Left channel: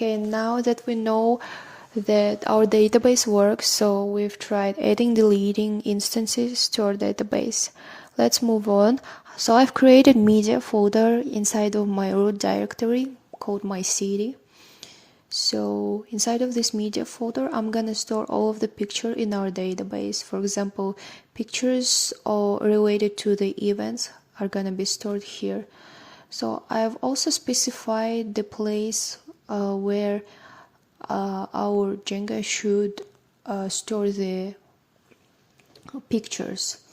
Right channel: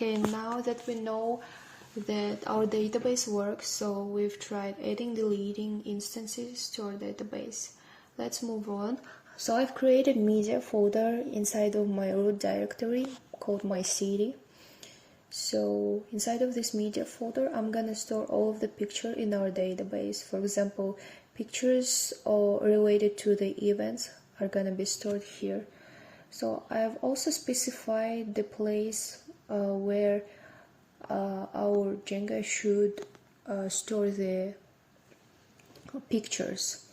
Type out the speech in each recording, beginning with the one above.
Okay, now that we know that our database works, so we've tried adding, deleting instances to our database. Let's move on. So I've created media folder inside of my root directory called my city. So inside of this media folder, I'm gonna store all of the pictures in our database. For example, pictures related to the events are gonna be stored here. So I've also specified the place where our Django should store the pictures.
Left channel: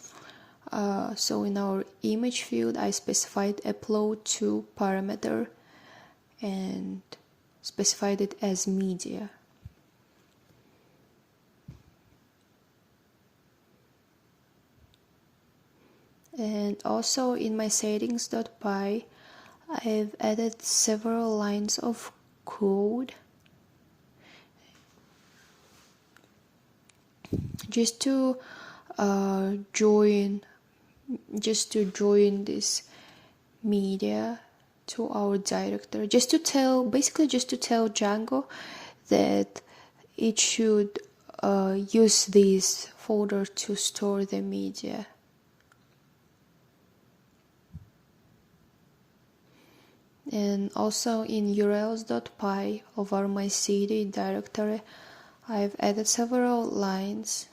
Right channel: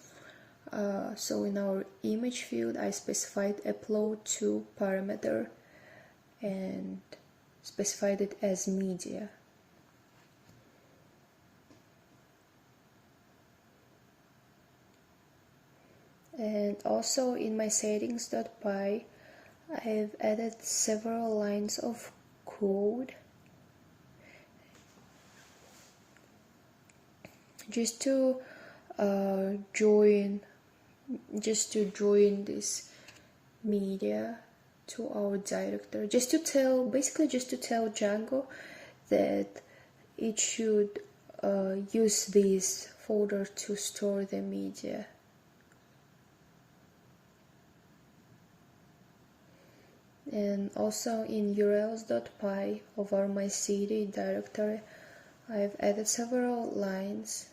So in our image field, I specified upload to parameter and specified it as media. And also in my settings.py, I've added several lines of code just to join this media to our directory, just to tell Django that it should use this folder to store the media. And also in urls.py of our my city directory, I've added several lines.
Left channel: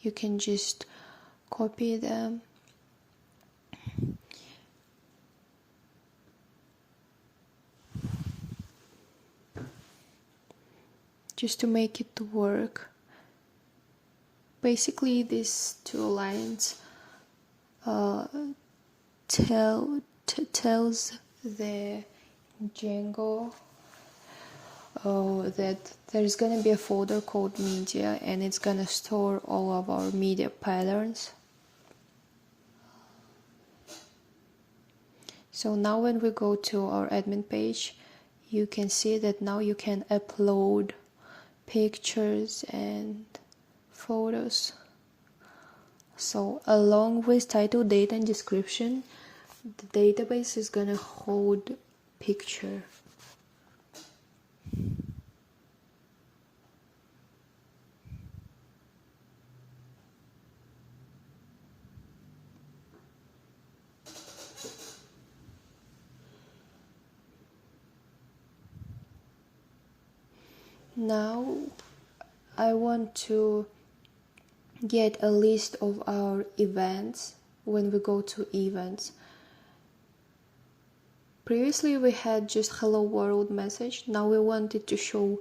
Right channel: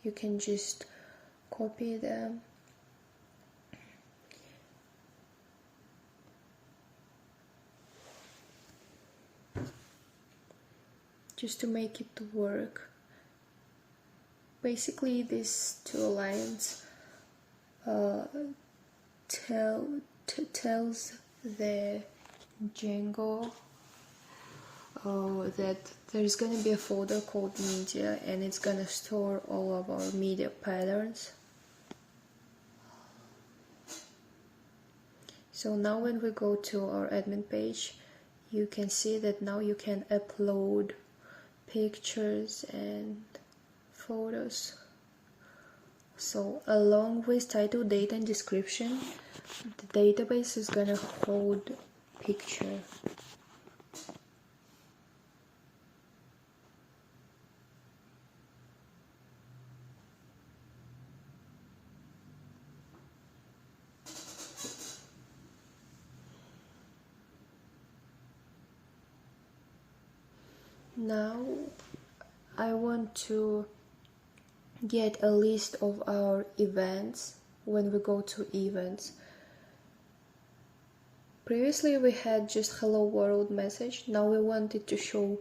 You can just copy them. Just to make it work. Basically, these two lines tells the Django that there's gonna be a folder called media, and it's gonna store all of our media patterns. So now when we go to our admin page, you can see that now you can upload pictures and photos. So along with title, date, and description, the database is gonna hold picture. Now I want to get a list of our events when we go to events. Previously we had just hello world message. Now we wanted to show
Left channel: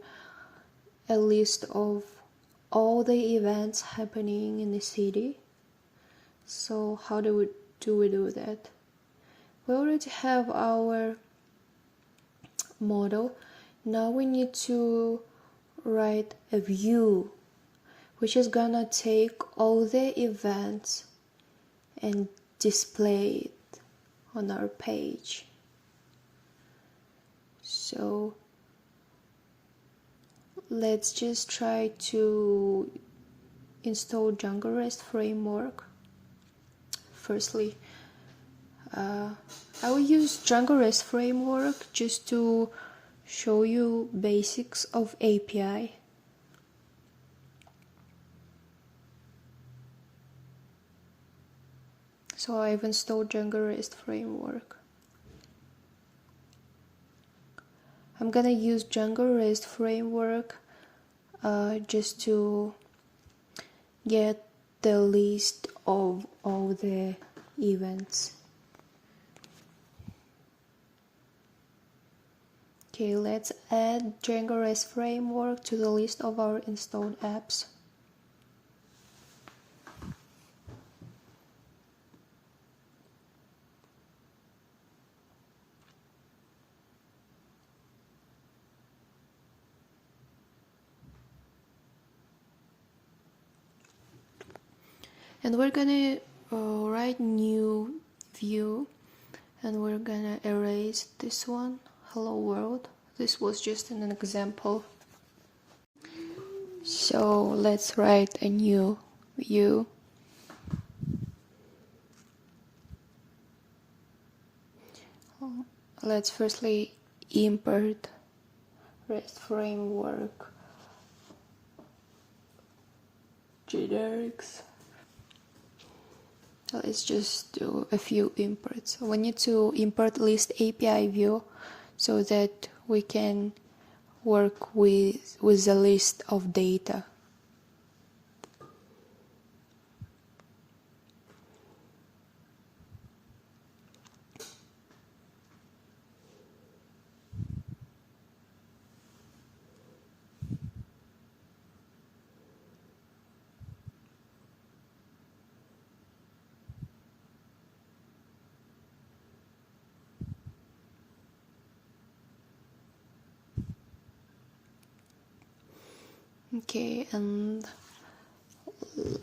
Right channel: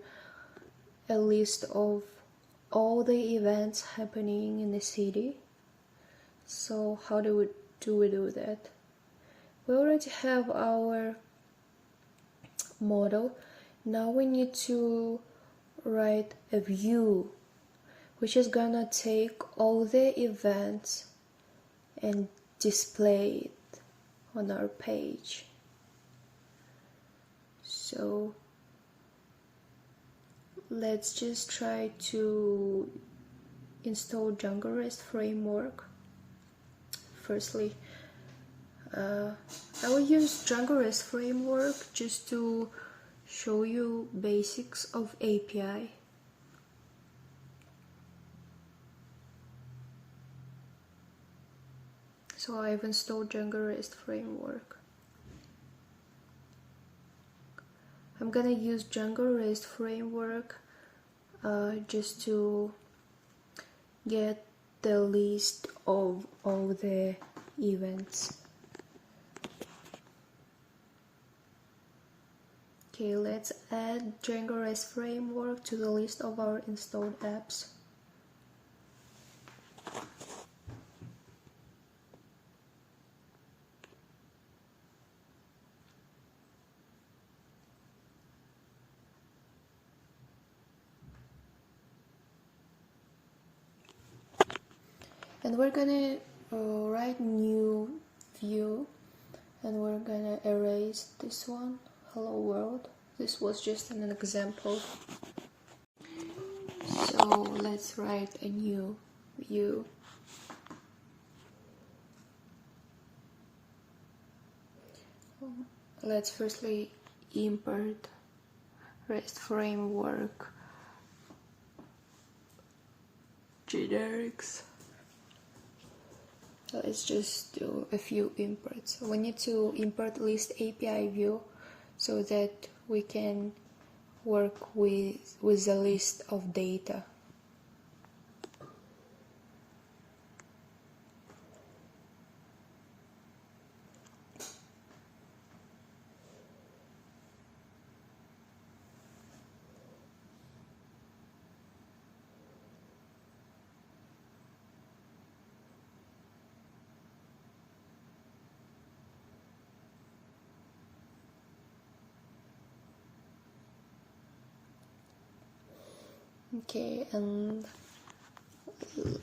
a list of all the events happening in the city. So how do we do that? We already have our model. Now we need to write a view which is gonna take all the events and display it on our page. So let's just try to install Django REST framework. Firstly, I will use Django REST framework just to show you basics of API. So I've installed Django REST framework. I'm gonna use Django REST framework just to get the list of all the events. Okay, let's add Django REST framework to the list of our installed apps. And we're gonna write new view, and we're gonna erase this one, hello world. This was just an example. So let's write a new view. Let's firstly import REST framework generics. Let's just do a few imports. We need to import list API view so that we can work with the list of data. Okay, and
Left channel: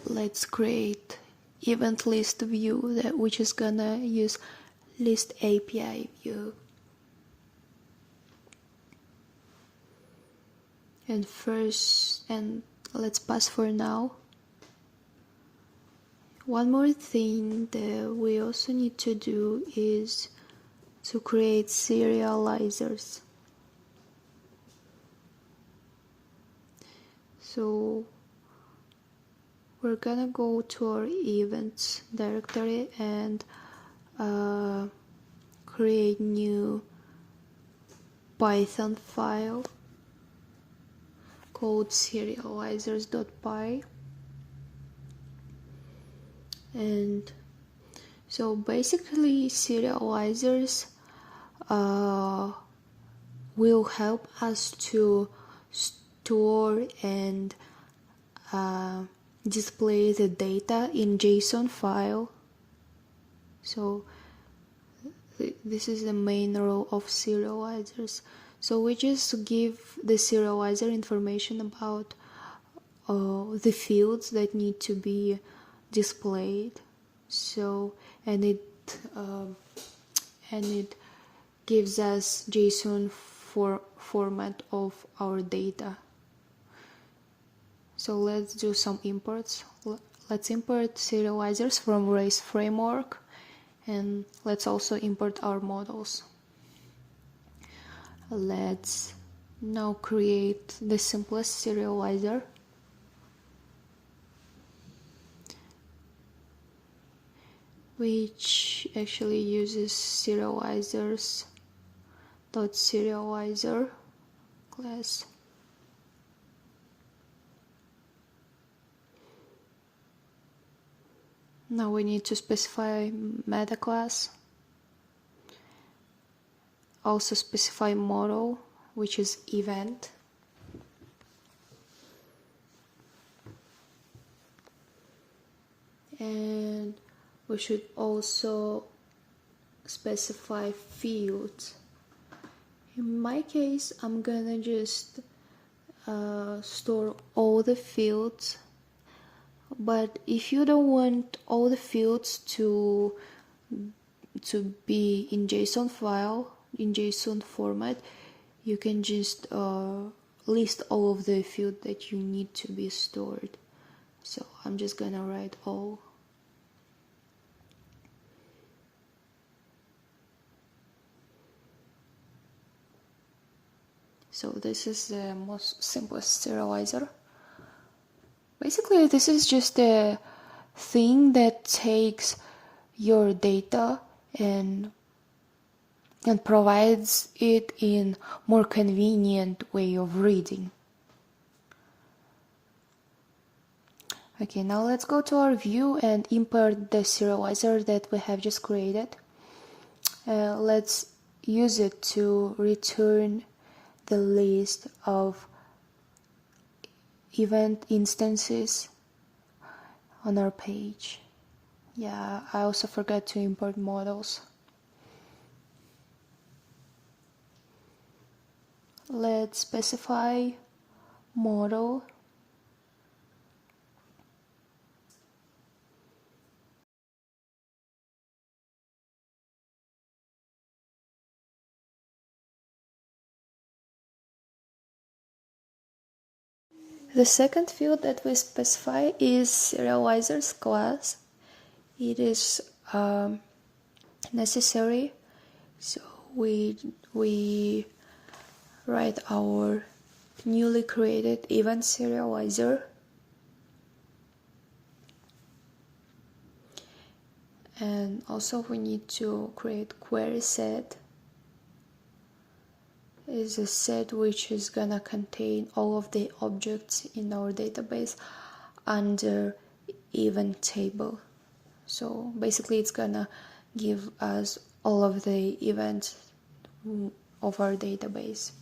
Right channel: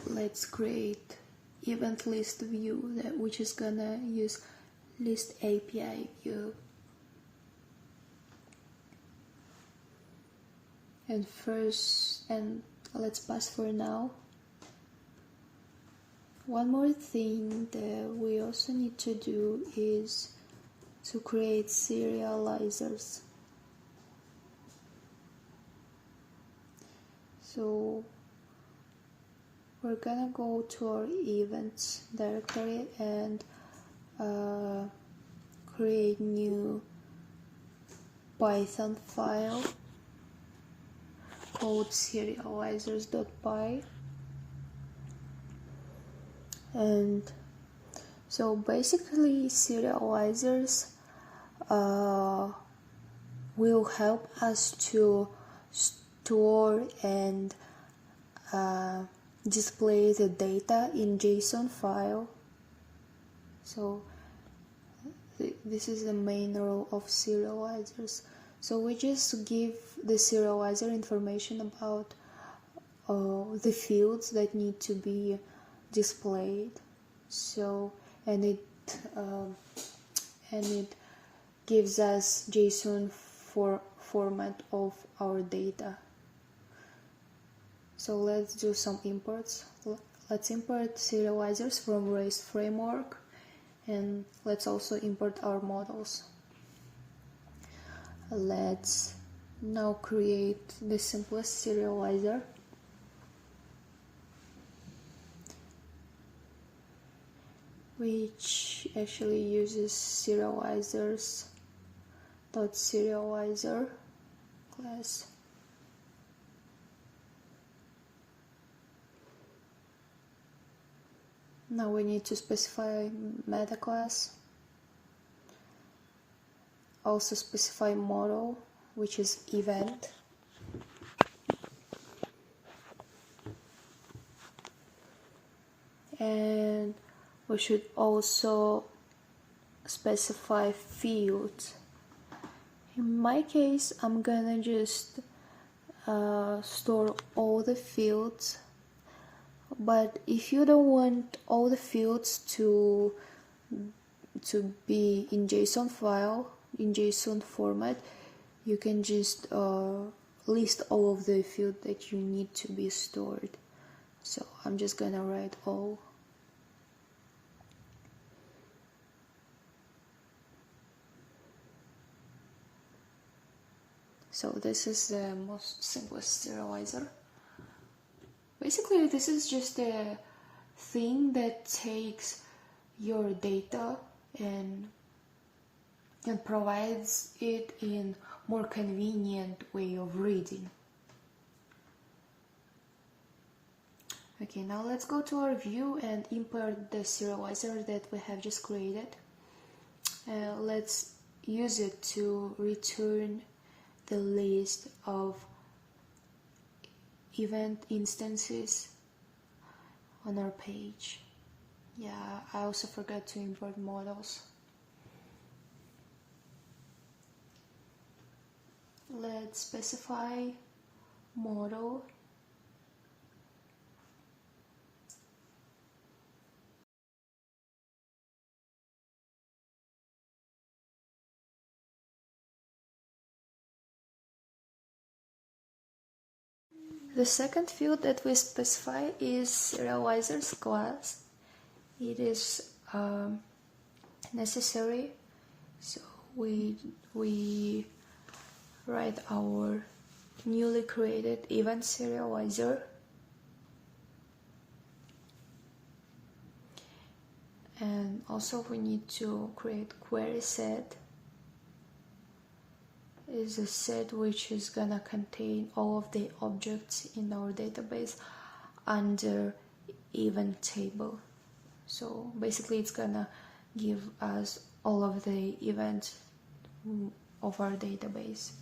let's create event list view which is gonna use list API view. And let's pass for now. One more thing that we also need to do is to create serializers. So we're gonna go to our events directory and create new Python file called serializers.py. And so basically serializers will help us to store and display the data in JSON file. So this is the main role of serializers. So we just give the serializer information about the fields that need to be displayed. So and it gives us JSON format of our data. So let's do some imports. Let's import serializers from REST framework, and let's also import our models. Let's now create the simplest serializer. Which actually uses serializers.serializer class. Now we need to specify meta class. Also specify model, which is event. And we should also specify fields. In my case, I'm gonna just store all the fields, but if you don't want all the fields to be in JSON file, in JSON format, you can just list all of the fields that you need to be stored. So I'm just gonna write all. So this is the most simplest serializer. Basically, this is just a thing that takes your data and provides it in more convenient way of reading. Okay, now let's go to our view and import the serializer that we have just created. Let's use it to return the list of event instances on our page. Yeah, I also forgot to import models. Let's specify model. The second field that we specify is serializers class. It is necessary, so we write our newly created event serializer. And also we need to create query set. Is a set which is gonna contain all of the objects in our database under event table. So basically it's gonna give us all of the events of our database.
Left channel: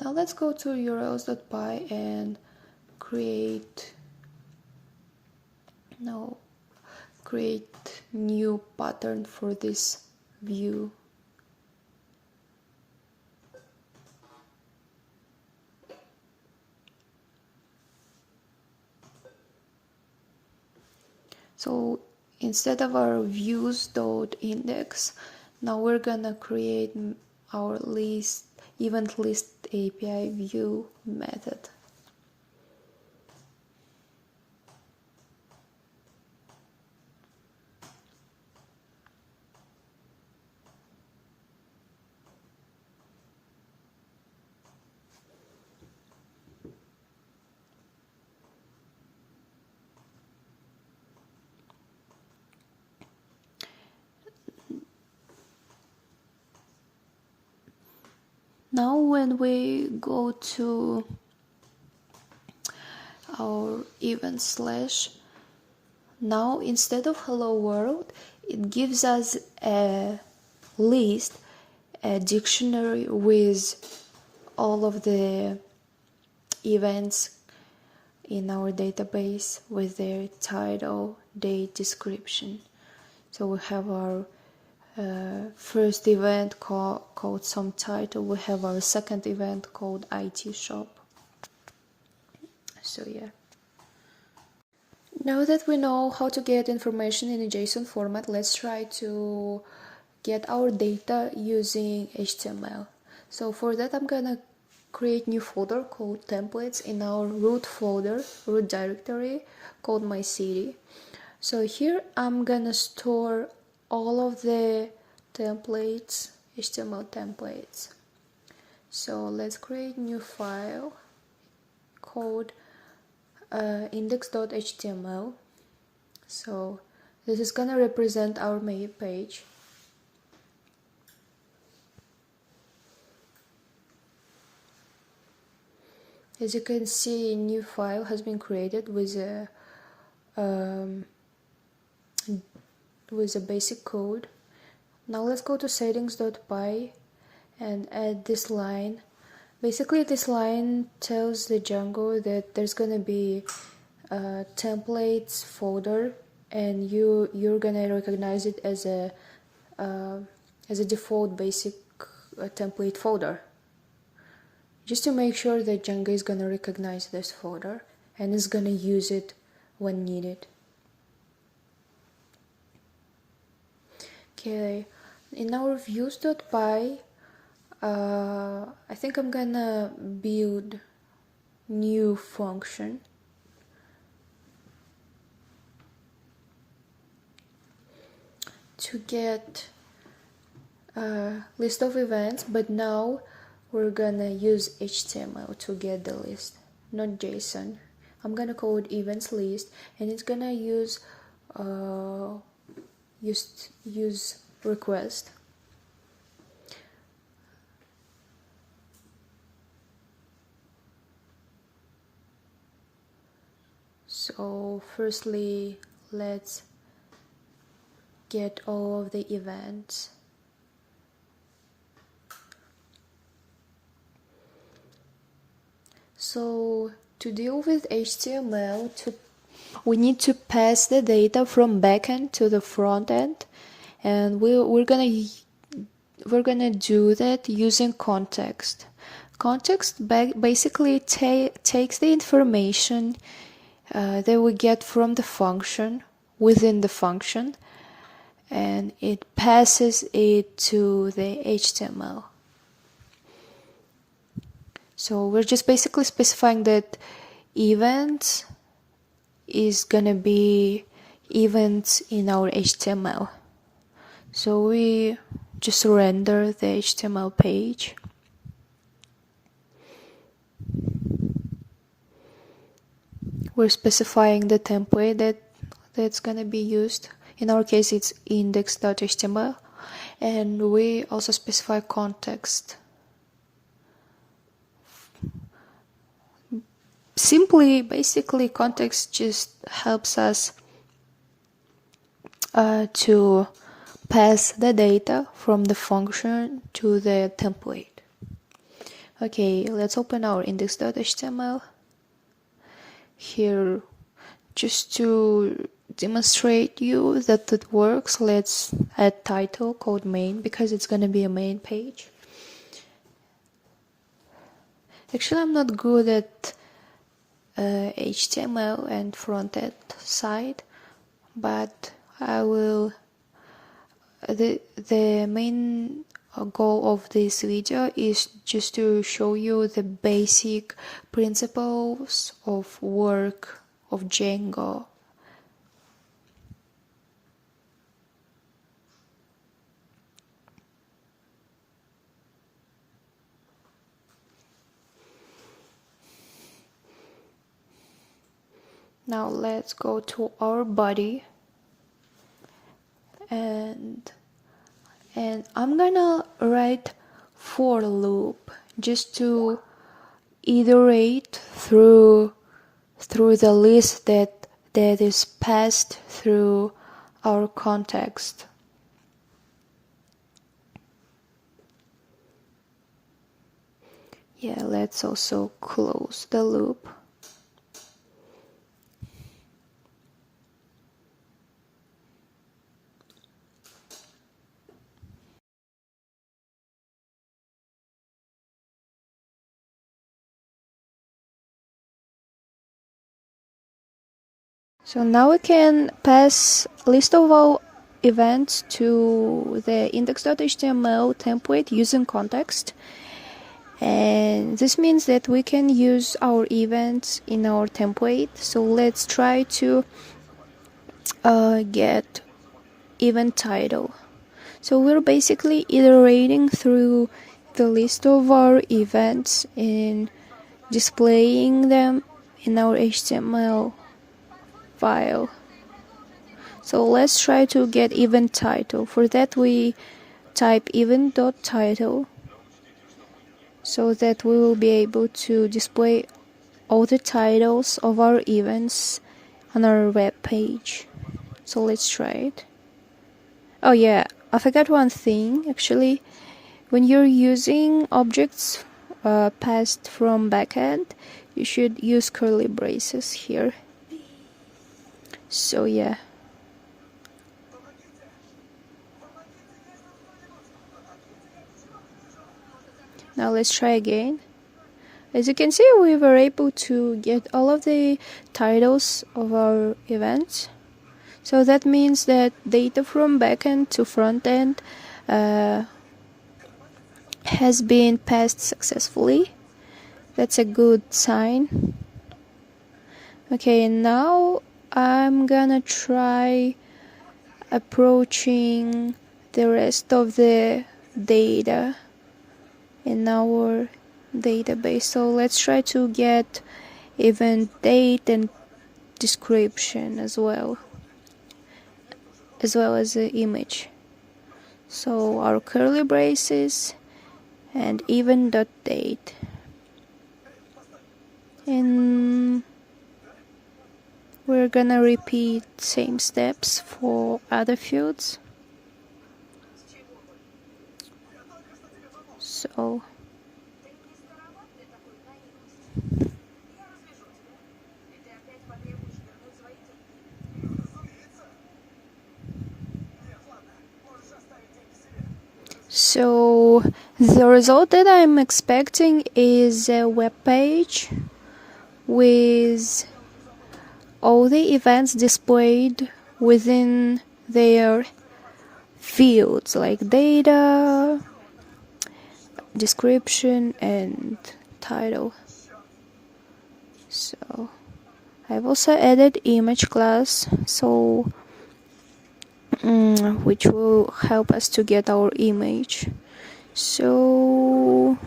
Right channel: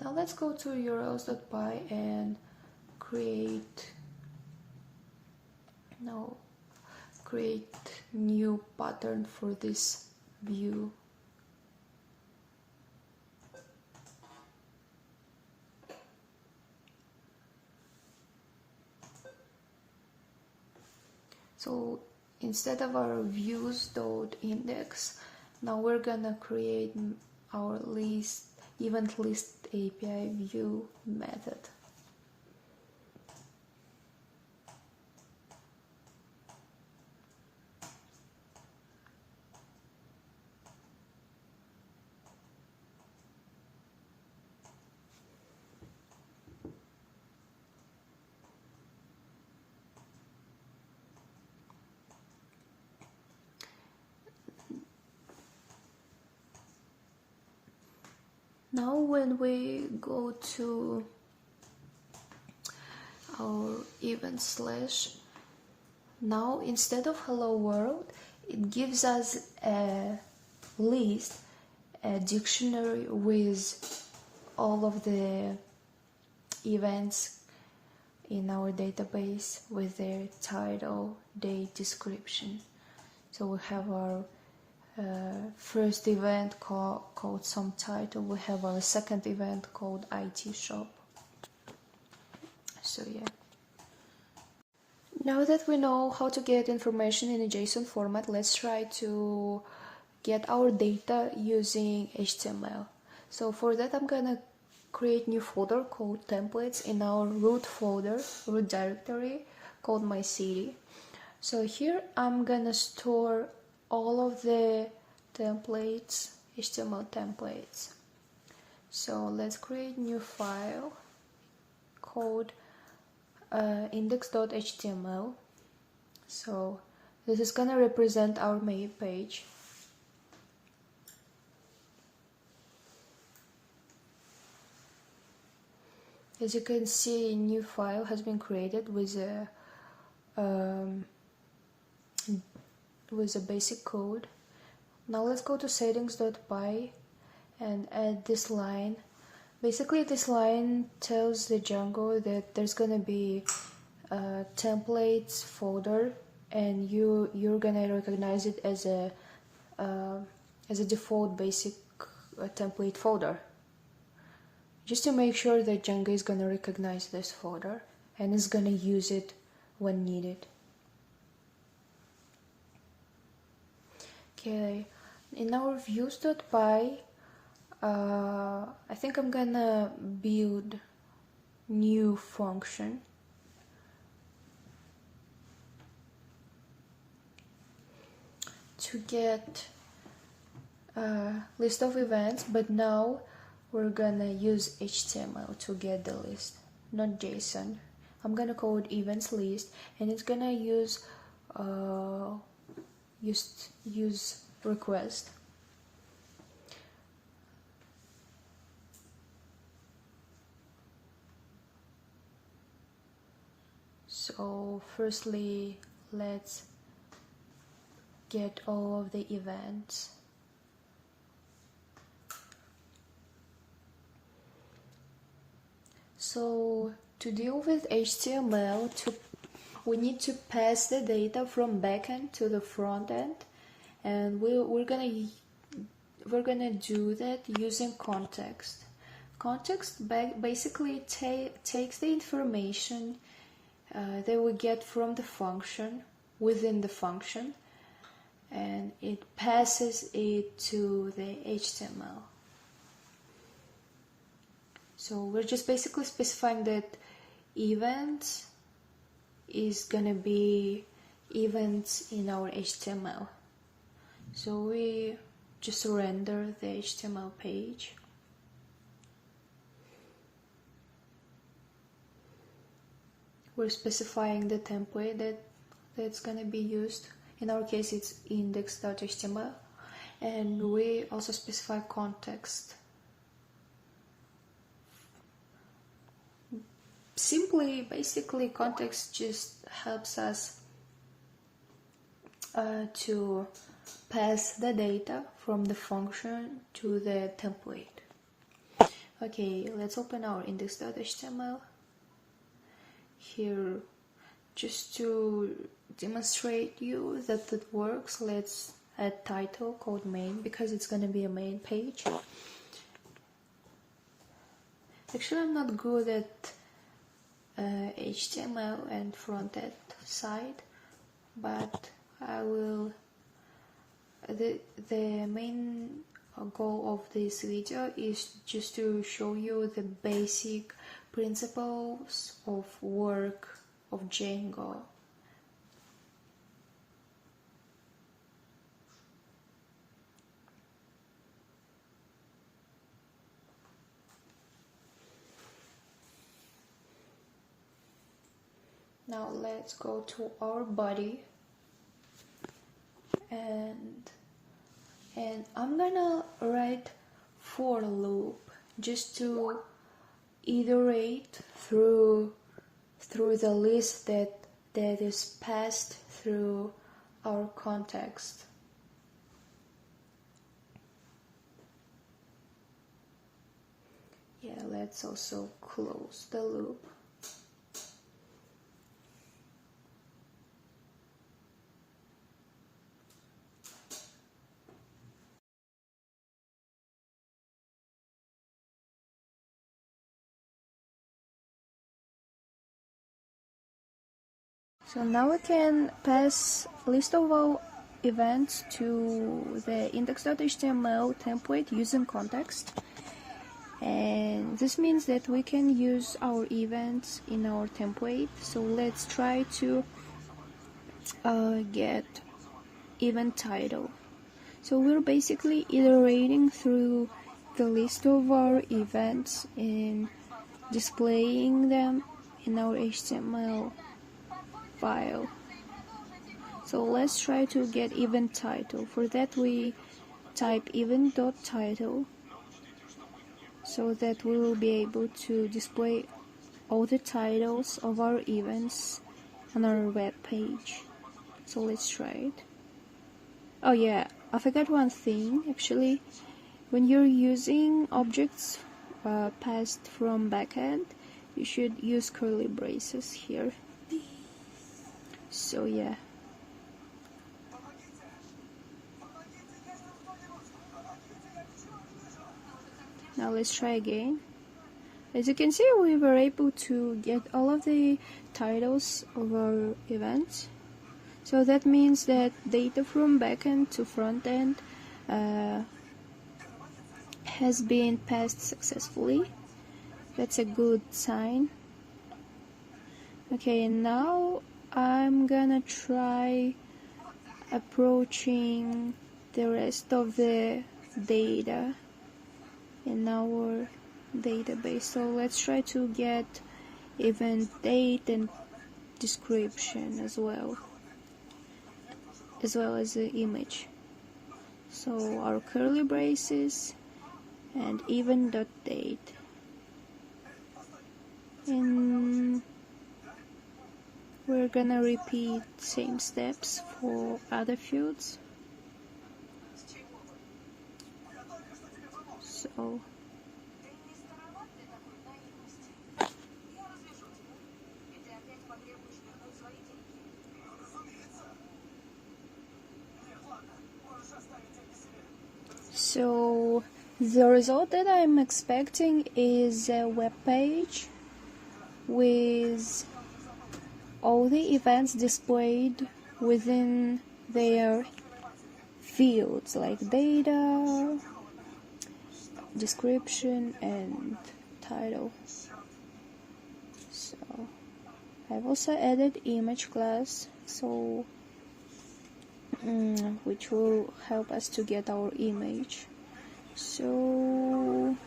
Now let's go to urls.py and create new pattern for this view. So instead of our views.index, now we're gonna create our event list API view method. Now when we go to our event slash, now instead of hello world, it gives us a list, a dictionary with all of the events in our database with their title, date, description. So we have our first event called some title. We have our second event called IT shop. So yeah. Now that we know how to get information in a JSON format, let's try to get our data using HTML. So for that I'm gonna create new folder called templates in our root directory called my city. So here I'm gonna store all of the templates, HTML templates. So let's create new file called index.html. So this is gonna represent our main page. As you can see, a new file has been created with a basic code. Now let's go to settings.py and add this line. Basically this line tells the Django that there's gonna be a templates folder, and you're gonna recognize it as a default basic template folder, just to make sure that Django is gonna recognize this folder and is gonna use it when needed. Okay, in our views.py, I think I'm gonna build new function to get a list of events, but now we're gonna use HTML to get the list, not JSON. I'm gonna call it events list, and it's gonna use request. So firstly, let's get all of the events. So to deal with HTML, we need to pass the data from backend to the front end, and we're gonna do that using context. Context basically takes the information that we get from the function within the function, and it passes it to the HTML. So we're just basically specifying that event is gonna be events in our HTML. So we just render the HTML page. We're specifying the template that's gonna be used. In our case, it's index.html, and we also specify context. Basically, context just helps us to pass the data from the function to the template. Okay, let's open our index.html. Here, just to demonstrate you that it works, let's add title called main, because it's gonna be a main page. Actually, I'm not good at HTML and front-end side, but I will. The main goal of this video is just to show you the basic principles of work of Django. Now let's go to our body, and I'm gonna write for loop just to iterate through the list that is passed through our context. Yeah, let's also close the loop. So now we can pass list of all events to the index.html template using context, and this means that we can use our events in our template. So let's try to get event title. So we're basically iterating through the list of our events and displaying them in our HTML file. So let's try to get event title. For that we type event.title so that we will be able to display all the titles of our events on our web page. So let's try it. Oh yeah, I forgot one thing actually. When you're using objects passed from backend, you should use curly braces here. So yeah. Now let's try again. As you can see, we were able to get all of the titles of our events. So that means that data from backend to frontend has been passed successfully. That's a good sign. Okay, now I'm gonna try approaching the rest of the data in our database. So let's try to get event date and description as well as the image. So our curly braces and event.date, and we're gonna repeat same steps for other fields. So the result that I'm expecting is a web page with all the events displayed within their fields, like data, description, and title. So I've also added image class, so which will help us to get our image. So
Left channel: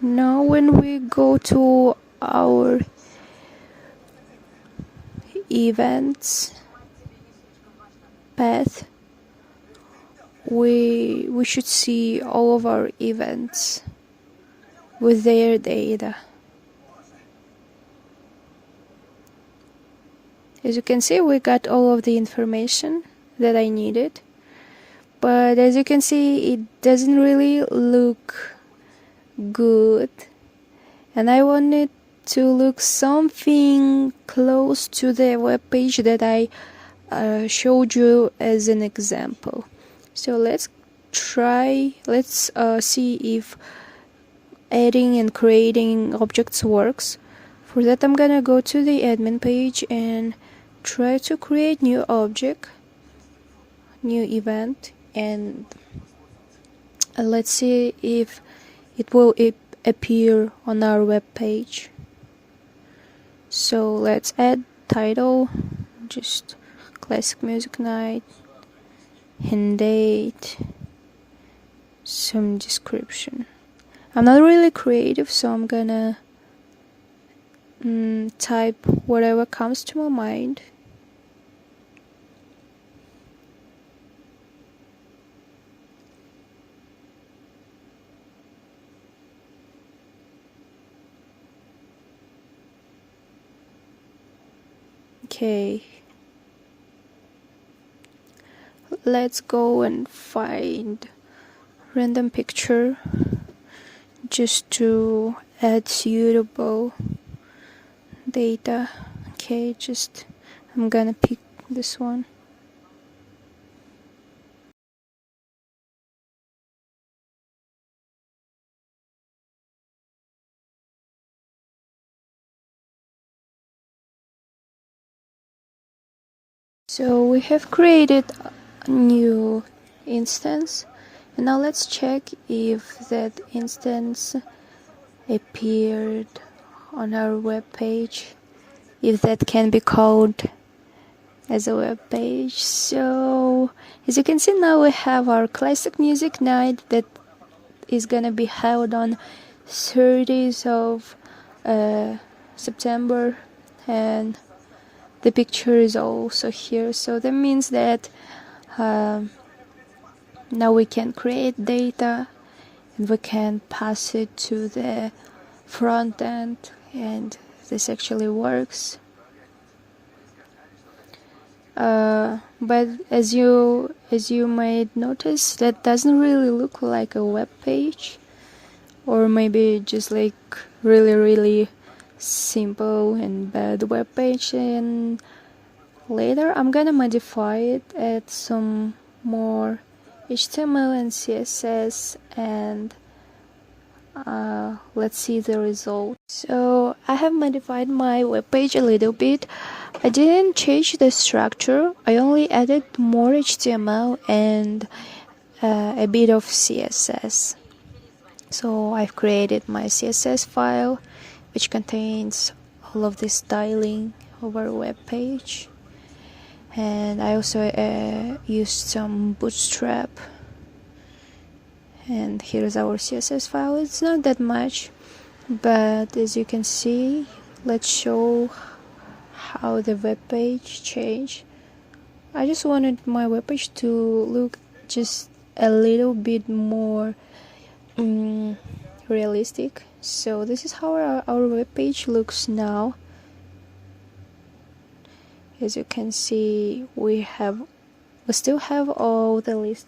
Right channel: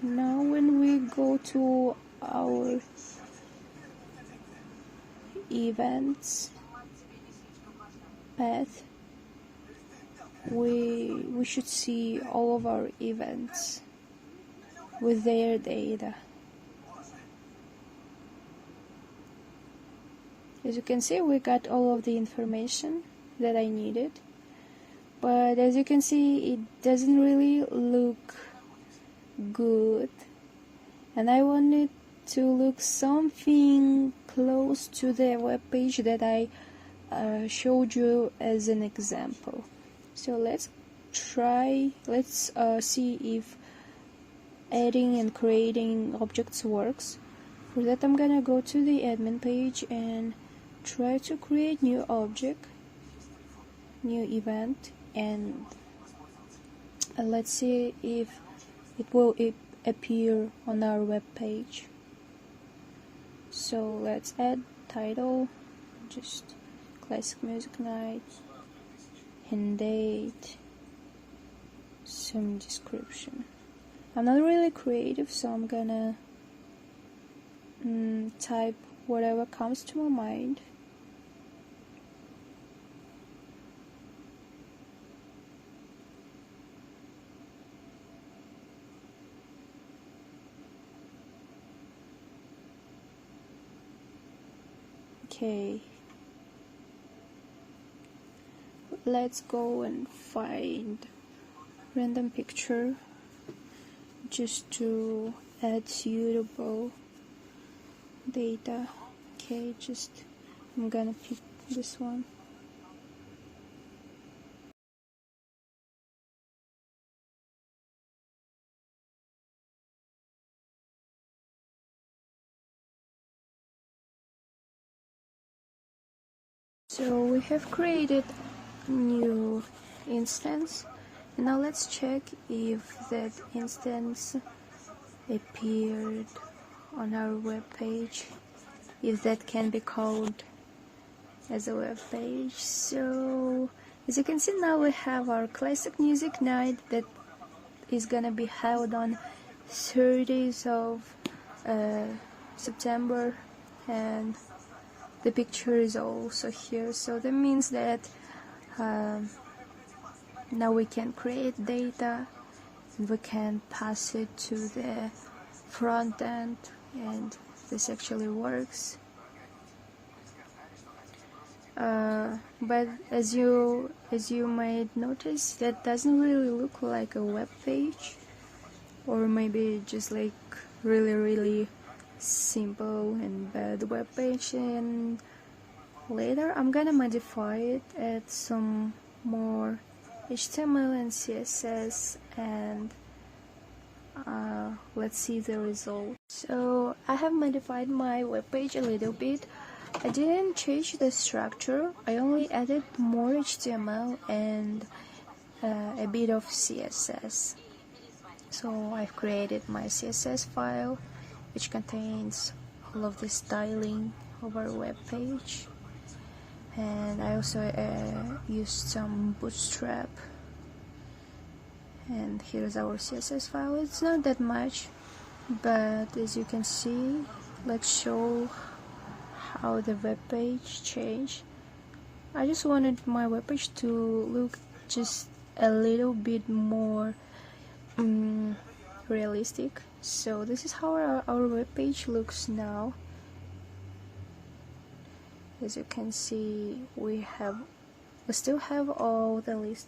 now when we go to our events path, we should see all of our events with their data. As you can see, we got all of the information that I needed, but as you can see, it doesn't really look good, and I want it to look something close to the web page that I showed you as an example. So let's see if adding and creating objects works. For that, I'm gonna go to the admin page and try to create new object, new event, and let's see if it will appear on our web page. So let's add title, just classic music night, and date, some description. I'm not really creative, so I'm gonna type whatever comes to my mind. Okay, let's go and find random picture just to add suitable data. Okay, I'm gonna pick this one. So we have created a new instance, and now let's check if that instance appeared on our web page, if that can be called as a web page. So as you can see, now we have our classic music night that is gonna be held on 30th of September, and the picture is also here. So that means that now we can create data and we can pass it to the front end, and this actually works. But as you might notice, that doesn't really look like a web page, or maybe just like really simple and bad web page. And later I'm gonna modify it, add some more HTML and CSS, and let's see the result. So I have modified my web page a little bit. I didn't change the structure, I only added more HTML and a bit of CSS. So I've created my CSS file, which contains all of the styling of our web page, and I also used some Bootstrap. And here's our CSS file. It's not that much, but as you can see, let's show how the web page changed. I just wanted my web page to look just a little bit more realistic. So this is how our web page looks now. As you can see, we still have all the list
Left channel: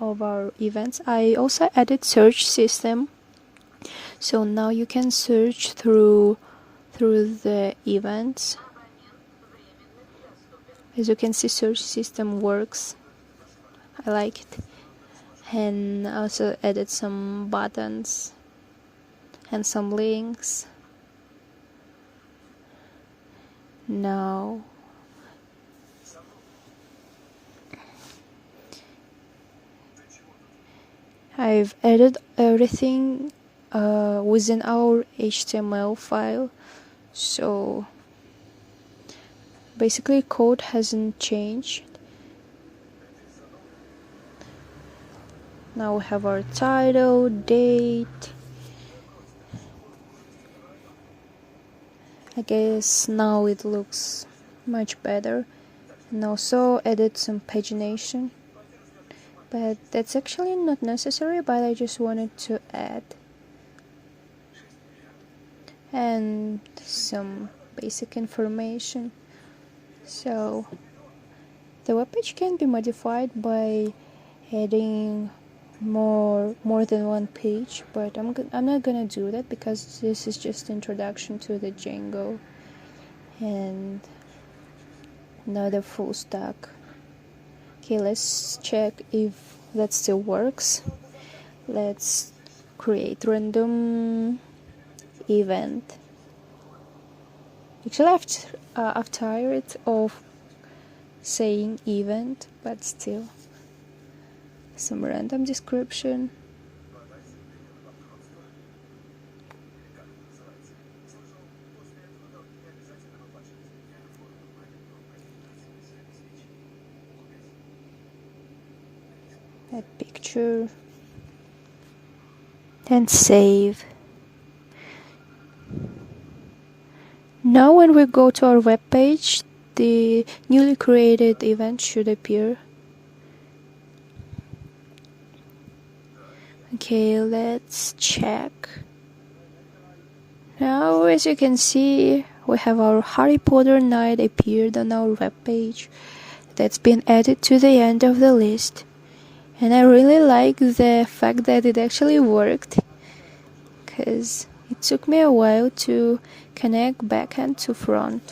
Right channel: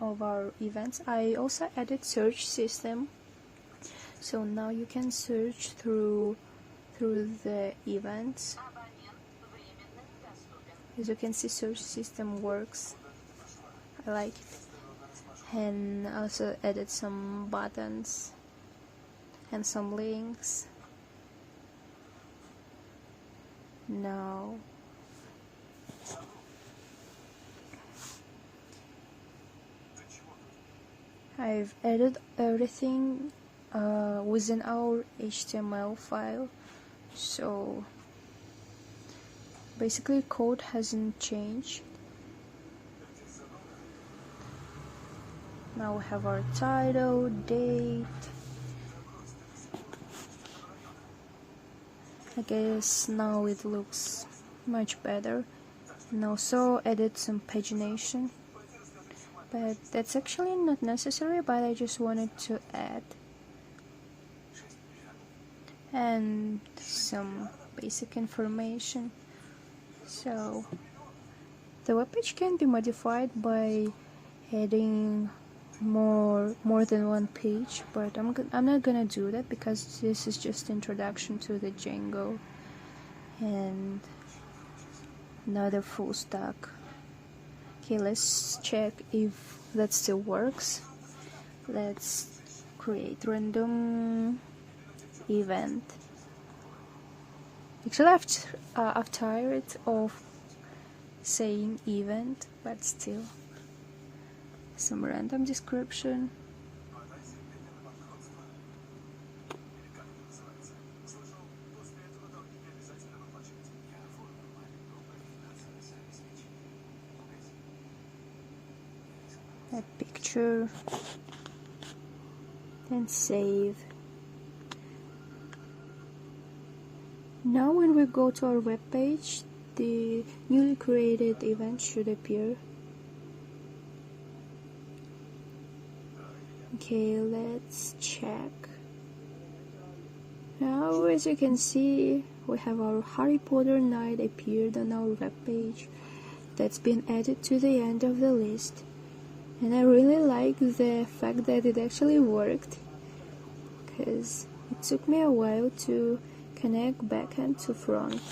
of our events. I also added search system, so now you can search through the events. As you can see, search system works. I like it. And also added some buttons and some links. Now I've added everything within our HTML file, so basically code hasn't changed. Now we have our title, date. I guess now it looks much better. And also edit some pagination, but that's actually not necessary, but I just wanted to add. And some basic information. So the webpage can be modified by adding more than one page, but I'm not gonna do that because this is just introduction to the Django and not a full stack. Okay, let's check if that still works. Let's create random event. Actually, I've tired of saying event, but still some random description. A picture and save. Now when we go to our web page, the newly created event should appear. Okay, let's check. Now as you can see, we have our Harry Potter night appeared on our web page. That's been added to the end of the list. And I really like the fact that it actually worked, because it took me a while to connect backend to front.